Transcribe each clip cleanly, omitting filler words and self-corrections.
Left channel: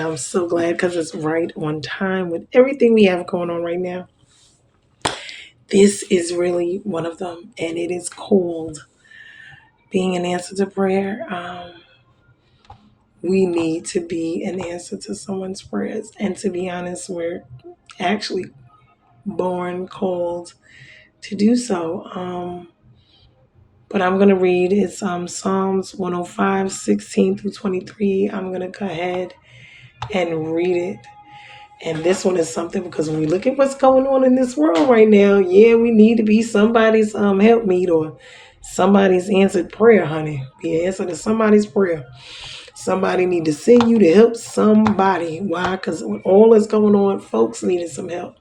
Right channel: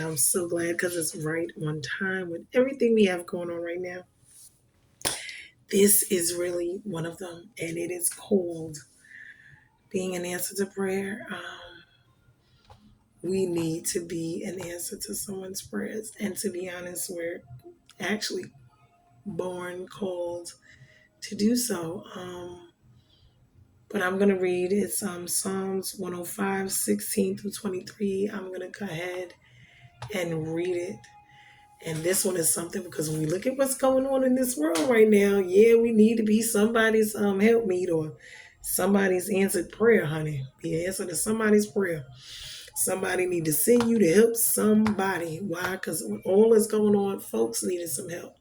and I'm so glad because it's right on time with everything we have going on right now. This is really one of them, and it is called being an answer to prayer. We need to be an answer to someone's prayers, and to be honest, we're actually born called to do so. But I'm going to read it's Psalms 105, 16 through 23. I'm going to go ahead and read it. And this one is something because when we look at what's going on in this world right now, yeah, we need to be somebody's helpmeet or somebody's answered prayer, honey. Be an answer to somebody's prayer. Somebody need to send you to help somebody. Why? Because with all that's going on, folks needed some help.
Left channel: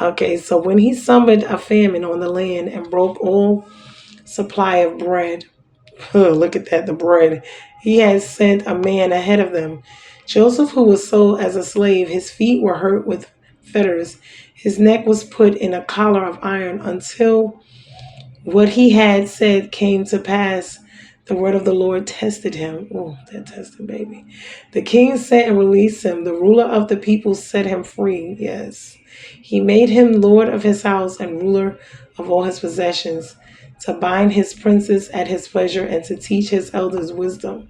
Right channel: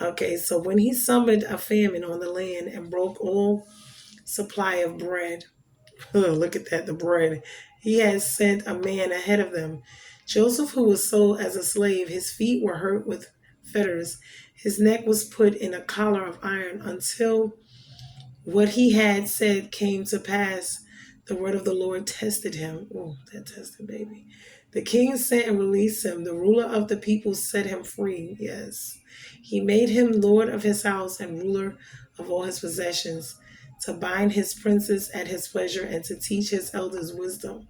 Okay, so when he summoned a famine on the land and broke all supply of bread, look at that, the bread. He had sent a man ahead of them. Joseph, who was sold as a slave, his feet were hurt with fetters. His neck was put in a collar of iron until what he had said came to pass. The word of the Lord tested him. Oh, that tested baby. The king sent and released him. The ruler of the people set him free. Yes. He made him lord of his house and ruler of all his possessions, to bind his princes at his pleasure and to teach his elders wisdom.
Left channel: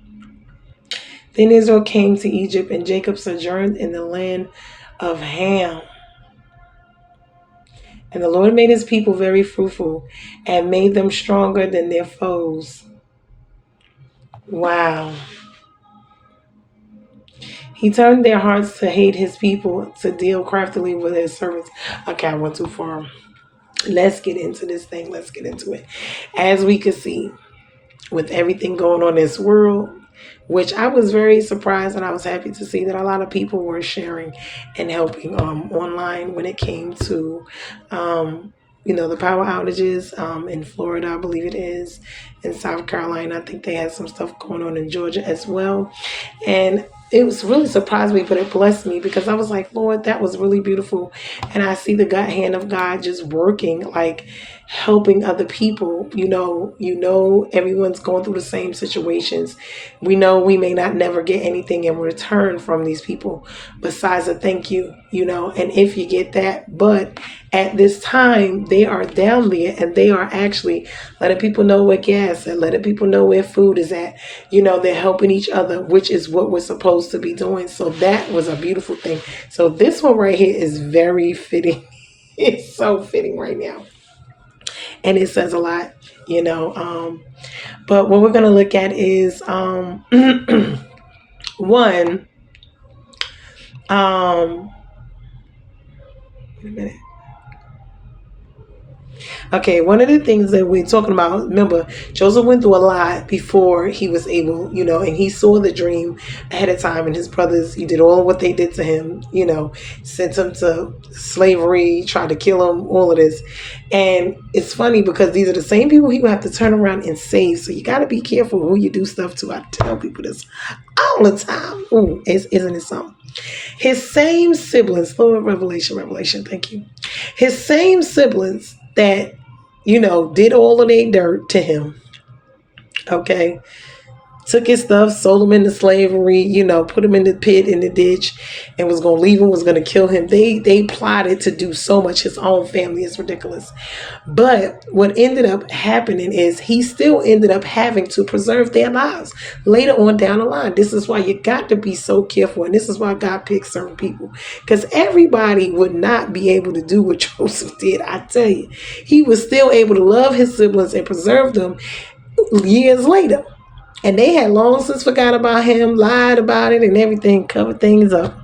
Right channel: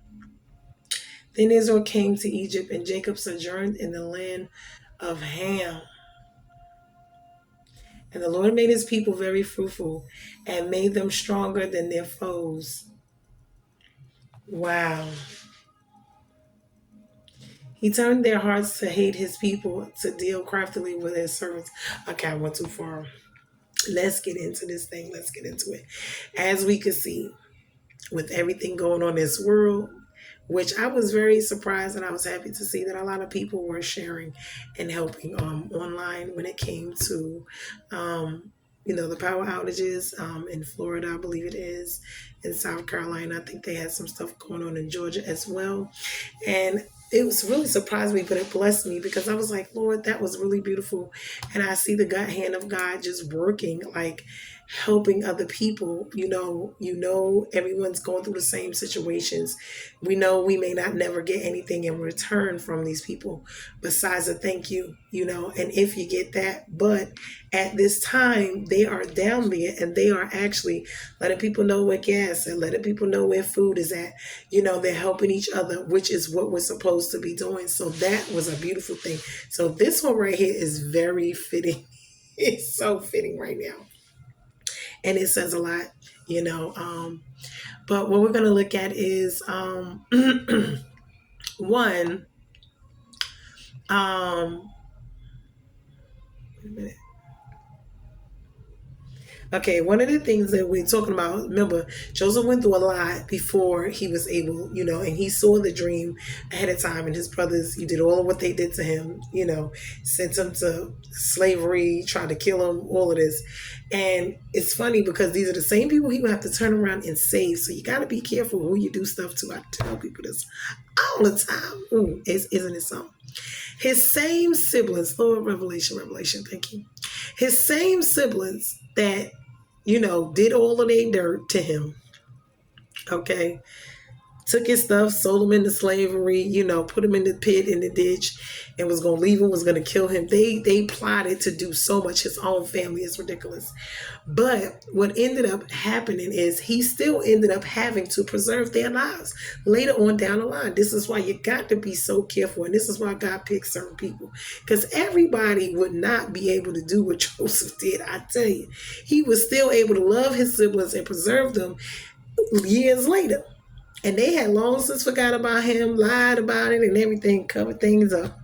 Then Israel came to Egypt, and Jacob sojourned in the land of Ham. And the Lord made his people very fruitful and made them stronger than their foes. Wow. He turned their hearts to hate his people, to deal craftily with his servants. Okay, I went too far. Let's get into this thing. Let's get into it. As we could see, with everything going on in this world, which I was very surprised and I was happy to see that a lot of people were sharing and helping online when it came to the power outages in Florida, I believe it is, in South Carolina. I think they had some stuff going on in Georgia as well. And it was really surprised me, but it blessed me because I was like, Lord, that was really beautiful. And I see the God hand of God just working, like helping other people. Everyone's going through the same situations. We know we may not never get anything in return from these people besides a thank you, and if you get that, but at this time they are down there and they are actually letting people know where gas and letting people know where food is at. They're helping each other, which is what we're supposed to be doing. So that was a beautiful thing. So this one right here is very fitting. It's so fitting right now. And it says a lot, but what we're going to look at is one, wait a minute. Okay, one of the things that we're talking about, remember, Joseph went through a lot before he was able, and he saw the dream ahead of time, and his brothers, he did all what they did to him, sent him to slavery, tried to kill him, all of this. And it's funny because these are the same people he would have to turn around and save. So you got to be careful who you do stuff to. I tell people this all the time. Ooh, isn't it something? His same siblings, Lord, Revelation, thank you. His same siblings that, did all of their dirt to him, okay, took his stuff, sold him into slavery, put him in the pit, in the ditch, and was going to leave him, was going to kill him. They plotted to do so much. His own family is ridiculous. But what ended up happening is he still ended up having to preserve their lives later on down the line. This is why you got to be so careful. And this is why God picks certain people. Because everybody would not be able to do what Joseph did. I tell you, he was still able to love his siblings and preserve them years later. And they had long since forgot about him, lied about it and everything, covered things up.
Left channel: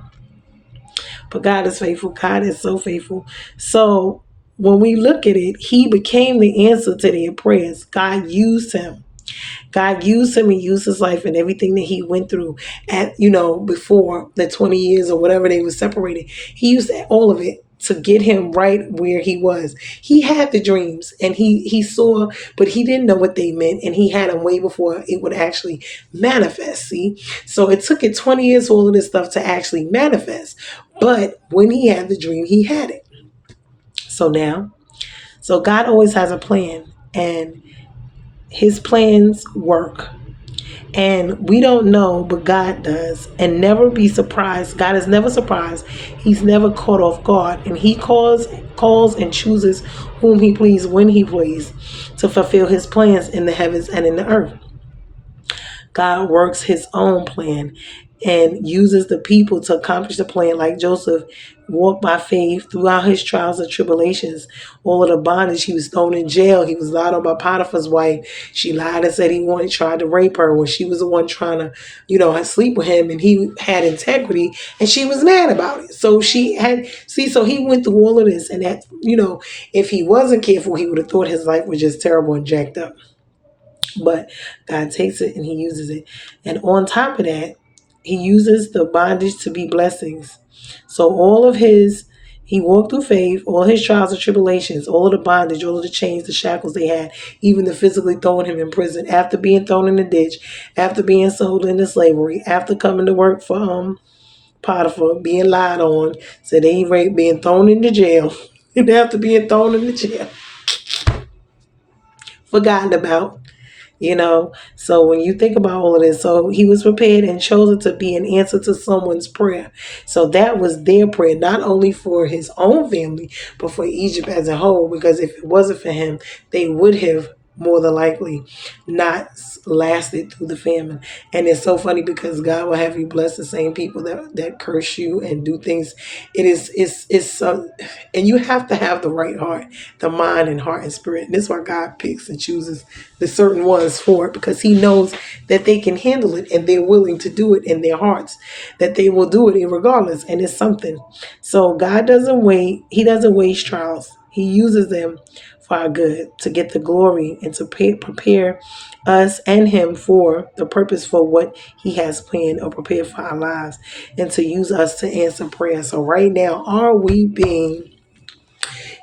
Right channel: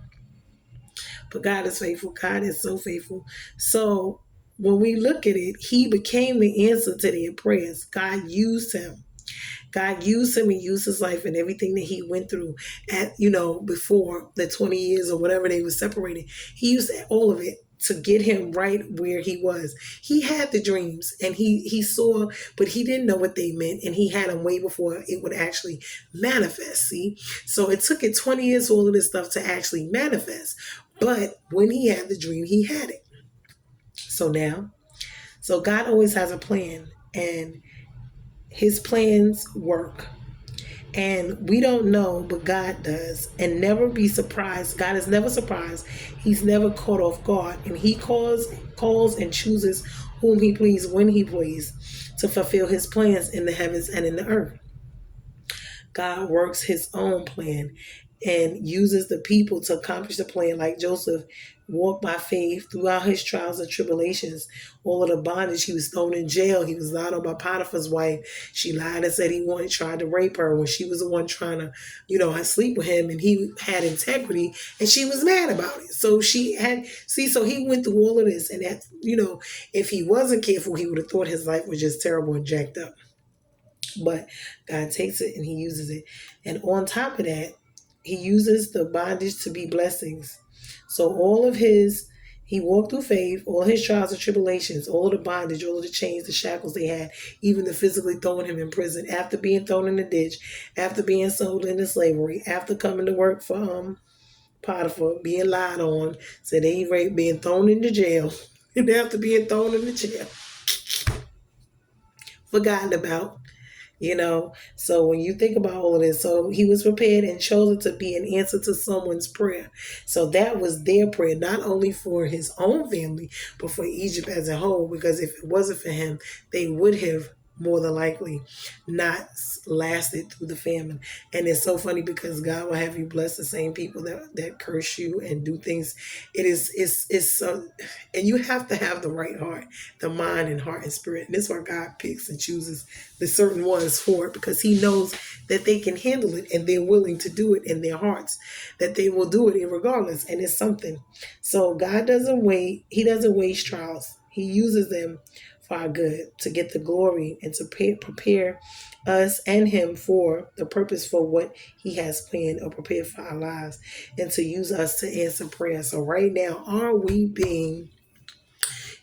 But God is faithful. God is so faithful. So when we look at it, he became the answer to their prayers. God used him. God used him and used his life and everything that he went through before the 20 years or whatever they were separated. He used all of it to get him right where he was. He had the dreams and he saw, but he didn't know what they meant, and he had them way before it would actually manifest. See? So it took it 20 years for all of this stuff to actually manifest. But when he had the dream, he had it. So God always has a plan, and his plans work. And we don't know, but God does. And never be surprised. God is never surprised. He's never caught off guard. And he calls and chooses whom he please when he please to fulfill his plans in the heavens and in the earth. God works his own plan and uses the people to accomplish the plan, like Joseph walked by faith throughout his trials and tribulations, all of the bondage. He was thrown in jail. He was lied on by Potiphar's wife. She lied and said tried to rape her when she was the one trying to, sleep with him, and he had integrity, and she was mad about it. So so he went through all of this, and that, if he wasn't careful, he would have thought his life was just terrible and jacked up. But God takes it and he uses it. And on top of that, he uses the bondage to be blessings. So he walked through faith, all his trials and tribulations, all of the bondage, all of the chains, the shackles they had, even the physically throwing him in prison, after being thrown in the ditch, after being sold into slavery, after coming to work for Potiphar, being lied on, said they raped, being thrown into jail, and after being thrown into jail, forgotten about. So when you think about all of this, so he was prepared and chosen to be an answer to someone's prayer. So that was their prayer, not only for his own family, but for Egypt as a whole, because if it wasn't for him, they would have more than likely not lasted through the famine. And it's so funny because God will have you bless the same people that curse you and do things. And you have to have the right heart, the mind and heart and spirit. And this is why God picks and chooses the certain ones for it, because he knows that they can handle it and they're willing to do it in their hearts, that they will do it regardless. And it's something. So God doesn't wait. He doesn't waste trials. He uses them for our good, to get the glory and to prepare us and him for the purpose for what he has planned or prepared for our lives, and to use us to answer prayer. So right now, are we being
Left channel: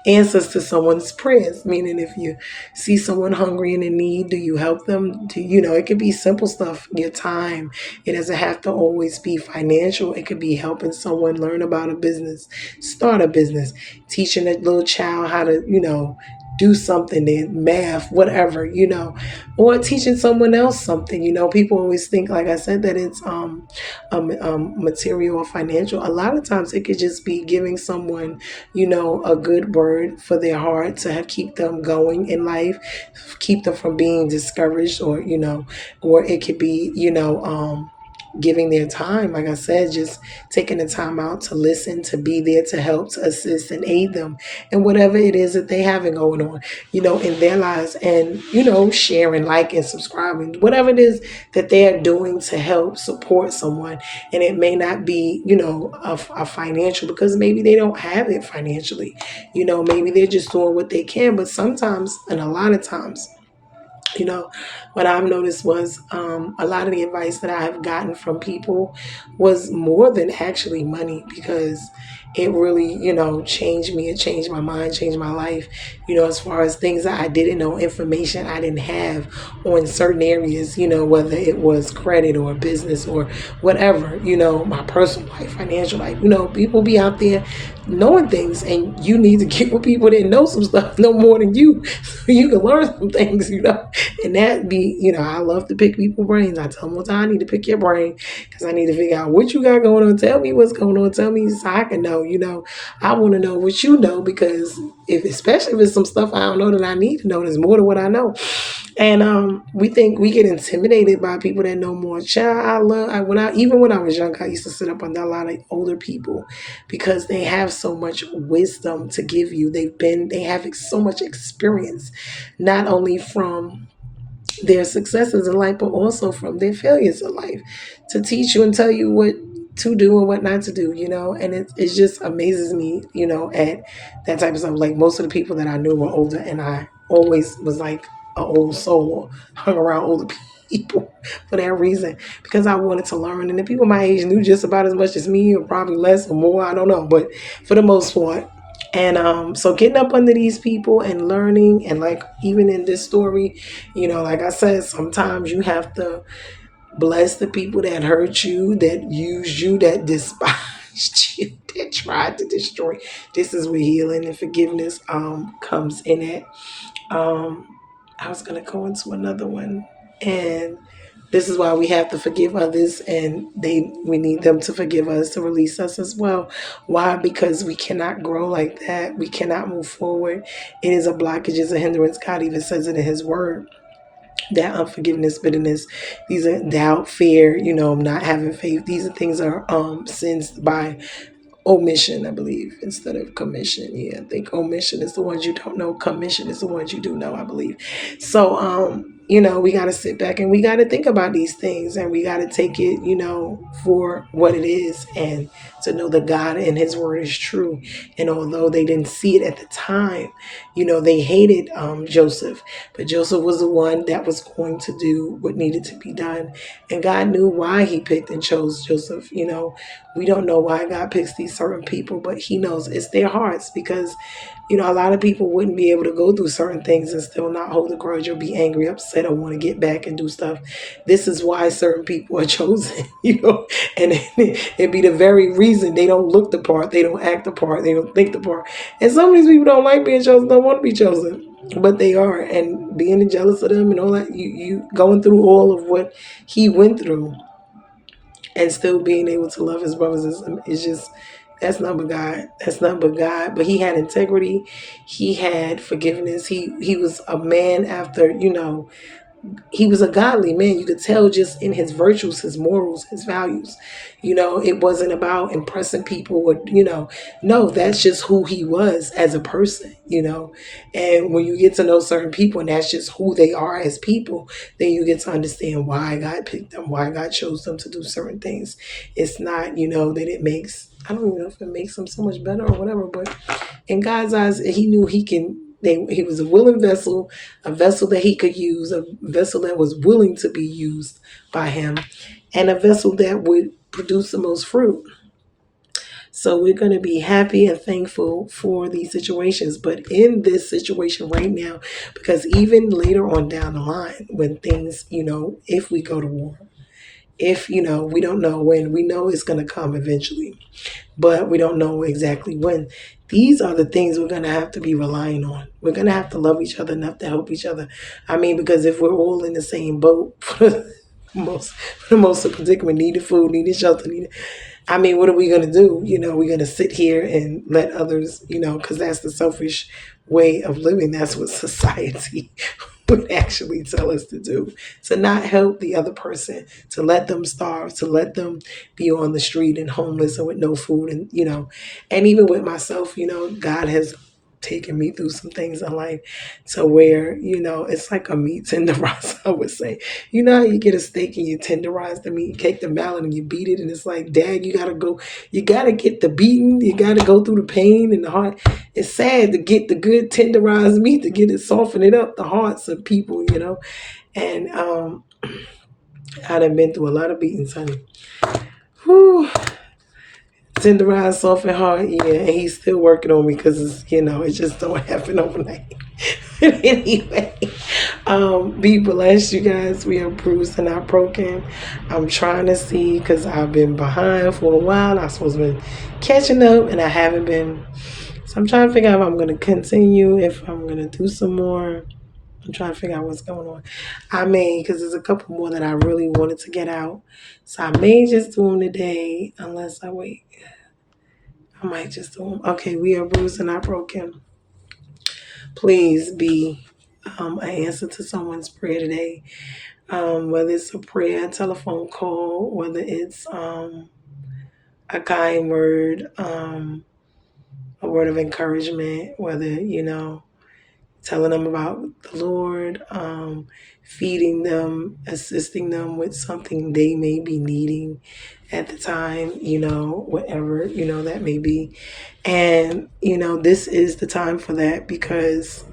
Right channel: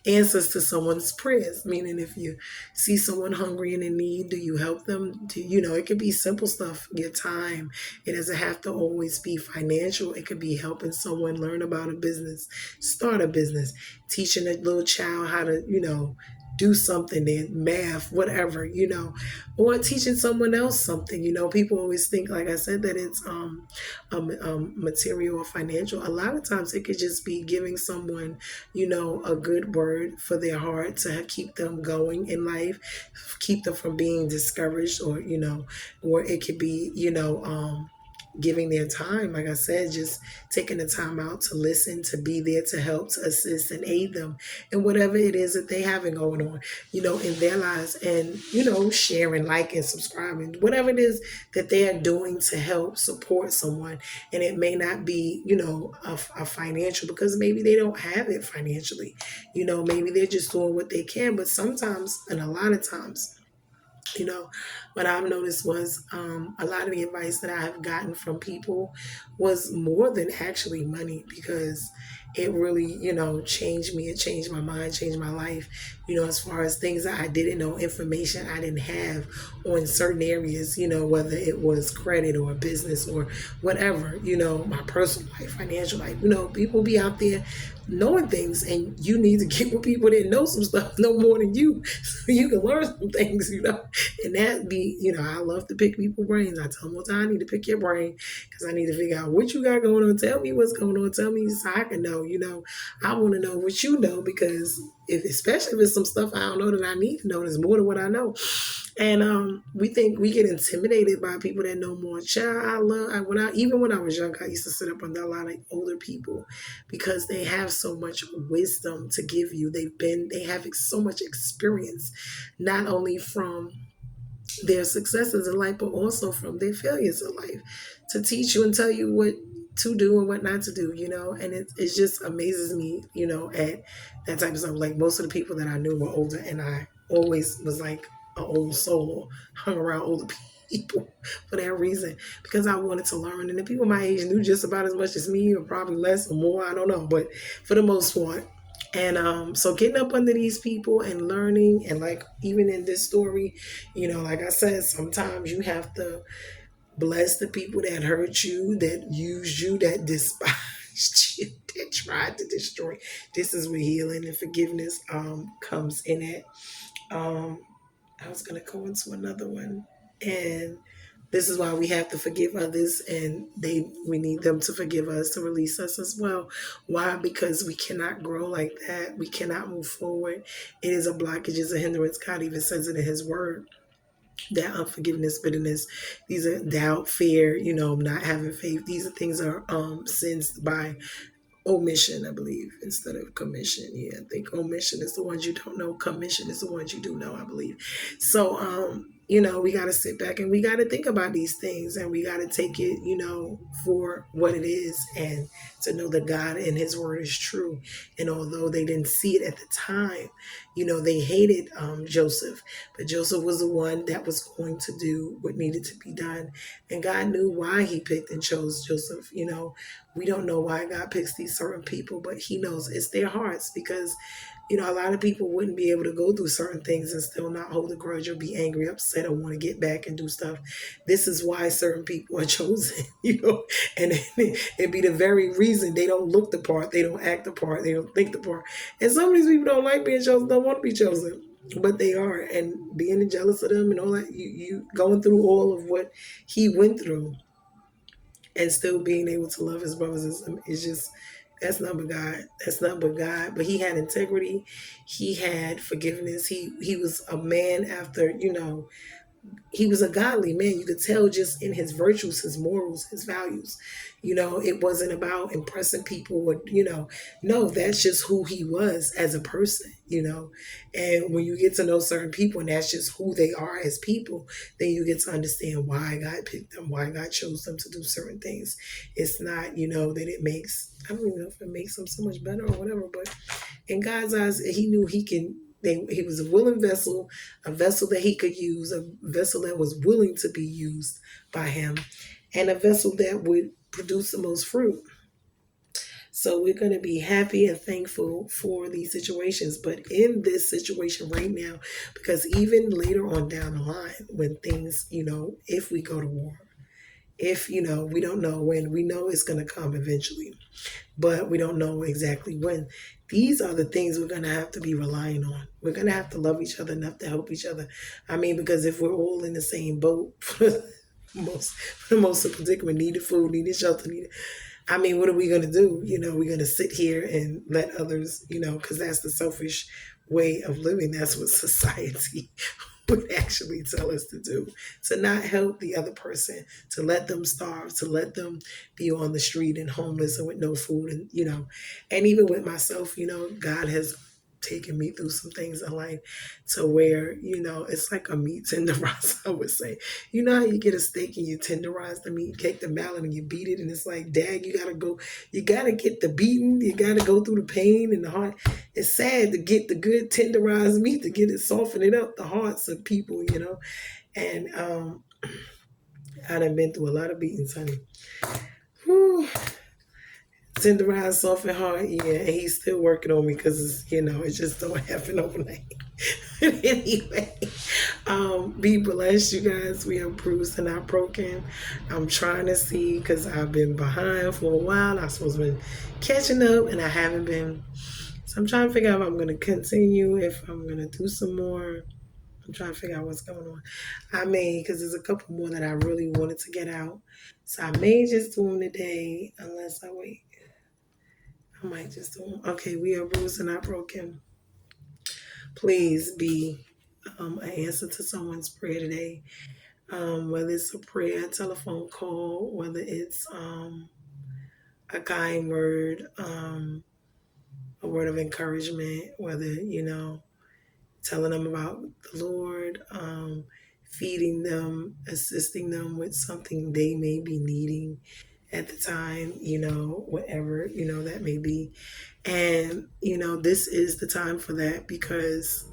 answers to someone's prayers? Meaning, if you see someone hungry and in need, do you help them? It could be simple stuff, your time. It doesn't have to always be financial. It could be helping someone learn about a business, start a business, teaching a little child how to, do something in math, whatever, or teaching someone else something. People always think, like I said, that it's material or financial. A lot of times it could just be giving someone, a good word for their heart to keep them going in life, keep them from being discouraged, or it could be, giving their time, like I said, just taking the time out to listen, to be there, to help, to assist and aid them and whatever it is that they having going on, in their lives, and, sharing, liking, subscribing, whatever it is that they're doing to help support someone. And it may not be, a financial, because maybe they don't have it financially, maybe they're just doing what they can. But sometimes, and a lot of times, what I've noticed was a lot of the advice that I have gotten from people was more than actually money, because it really, changed me. It changed my mind, changed my life, as far as things that I didn't know, information I didn't have on certain areas, whether it was credit or business or whatever, my personal life, financial life. People be out there knowing things, and you need to get with people that know some stuff, know more than you, so you can learn some things, and that be, I love to pick people's brains. I tell them all the time, I need to pick your brain, because I need to figure out what you got going on. Tell me what's going on. Tell me so I can know, I want to know what you know, because especially if it's some stuff I don't know that I need to know, there's more than what I know. And we think we get intimidated by people that know more. Child, even when I was young, I used to sit up under a lot of older people, because they have so much wisdom to give you. They have so much experience, not only from their successes in life, but also from their failures in life, to teach you and tell you what to do and what not to do, and it just amazes me, at that type of stuff. Like, most of the people that I knew were older, and I always was like an old soul, or hung around older people for that reason, because I wanted to learn. And the people my age knew just about as much as me, or probably less or more, I don't know, but for the most part. And so getting up under these people and learning, and like even in this story, like I said, sometimes you have to bless the people that hurt you, that used you, that despised you, that tried to destroy. This is where healing and forgiveness comes in it. I was gonna go into another one, and This is why we have to forgive others, and we need them to forgive us, to release us as well. Why? Because we cannot grow like that. We cannot move forward. It is a blockage, it's a hindrance. God even says it in his word. That unforgiveness, bitterness, these are doubt, fear, not having faith. These are things are sins by omission, I believe, instead of commission. Yeah, I think omission is the ones you don't know. Commission is the ones you do know, I believe. So, we got to sit back and we got to think about these things, and we got to take it, for what it is, and to know that God and his word is true. And although they didn't see it at the time, they hated Joseph, but Joseph was the one that was going to do what needed to be done. And God knew why he picked and chose Joseph. We don't know why God picks these certain people, but he knows it's their hearts, because a lot of people wouldn't be able to go through certain things and still not hold a grudge or be angry, upset, or want to get back and do stuff. This is why certain people are chosen, and it'd be the very reason they don't look the part, they don't act the part, they don't think the part. And some of these people don't like being chosen, don't want to be chosen, but they are. And being jealous of them and all that, you going through all of what he went through and still being able to love his brothers is just, that's not but God. That's not but God. But he had integrity. He had forgiveness. He was a man after, he was a godly man. You could tell just in his virtues, his morals, his values. It wasn't about impressing people or, no, that's just who he was as a person. And when you get to know certain people and that's just who they are as people, then you get to understand why God picked them, why God chose them to do certain things. It's not, that it makes, I don't even know if it makes them so much better or whatever, but in God's eyes, he knew he was a willing vessel, a vessel that he could use, a vessel that was willing to be used by him, and a vessel that would produce the most fruit. So we're going to be happy and thankful for these situations. But in this situation right now, because even later on down the line, when things, if we go to war, if, we don't know when, we know it's going to come eventually, but we don't know exactly when. These are the things we're going to have to be relying on. We're going to have to love each other enough to help each other. I mean, because if we're all in the same boat, for the most of predicament, needed food, needed shelter, what are we going to do? We're going to sit here and let others, because that's the selfish way of living. That's what society would actually tell us to do, to not help the other person, to let them starve, to let them be on the street and homeless and with no food. And even with myself, God has taken me through some things in life to where, it's like a meat tenderizer, I would say. How you get a steak and you tenderize the meat, take the mallet and you beat it, and it's like, dad, you gotta get the beating, you gotta go through the pain and the heart. It's sad to get the good tenderized meat, to get it, soften it up, the hearts of people, and I done been through a lot of beatings, honey. Whew. Tenderized, soft and hard, yeah, and he's still working on me because it just don't happen overnight. Anyway, be blessed, you guys. We are bruised and not broken. I'm trying to see, because I've been behind for a while. I'm supposed to be catching up, and I haven't been. So I'm trying to figure out if I'm going to continue, if I'm going to do some more. I'm trying to figure out what's going on. I may, because there's a couple more that I really wanted to get out. So I may just do them today, unless I wait. I might just do them. Okay, we are bruised and not broken. Please be an answer to someone's prayer today. Whether it's a prayer, a telephone call, whether it's a kind word, a word of encouragement, whether, telling them about the Lord, feeding them, assisting them with something they may be needing at the time, whatever, that may be. And, this is the time for that, because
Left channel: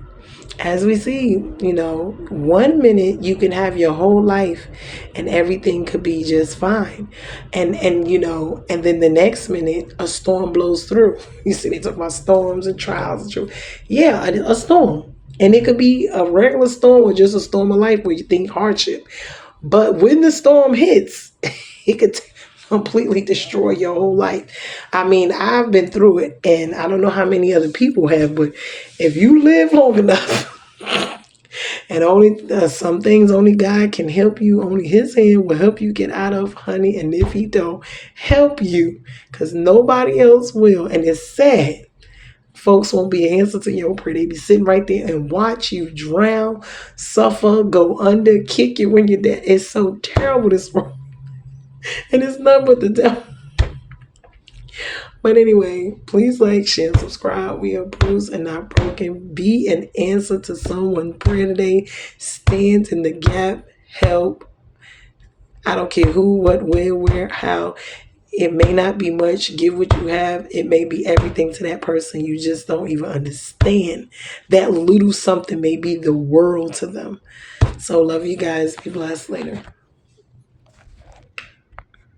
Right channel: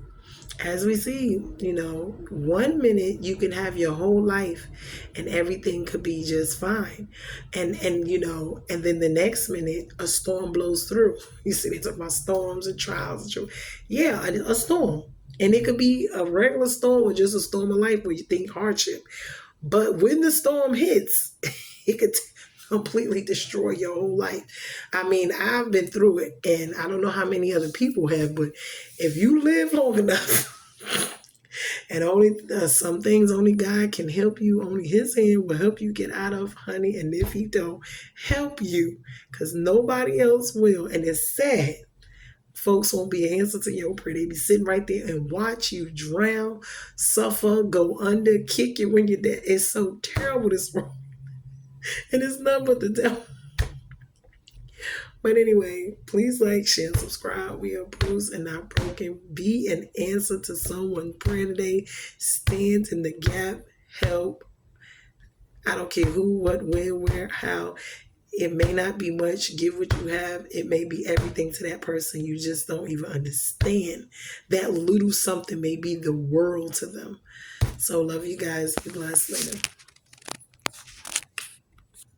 as we see, 1 minute you can have your whole life and everything could be just fine. And then the next minute a storm blows through. You see, they talk about storms and trials. Yeah, a storm. And it could be a regular storm or just a storm of life where you think hardship. But when the storm hits, it could completely destroy your whole life. I've been through it, and I don't know how many other people have, but if you live long enough, And only some things only God can help you. Only His hand will help you get out of, honey. And if He don't help you, because nobody else will. And it's sad. Folks won't be an answer to your prayer. They be sitting right there and watch you drown, suffer, go under, kick you when you're dead. It's so terrible, this world. And it's nothing but the devil. But anyway, please like, share, and subscribe. We are bruised and not broken. Be an answer to someone's prayer today. Stand in the gap. Help. I don't care who, what, where, how. It may not be much. Give what you have. It may be everything to that person. You just don't even understand. That little something may be the world to them. So love you guys. Be blessed later.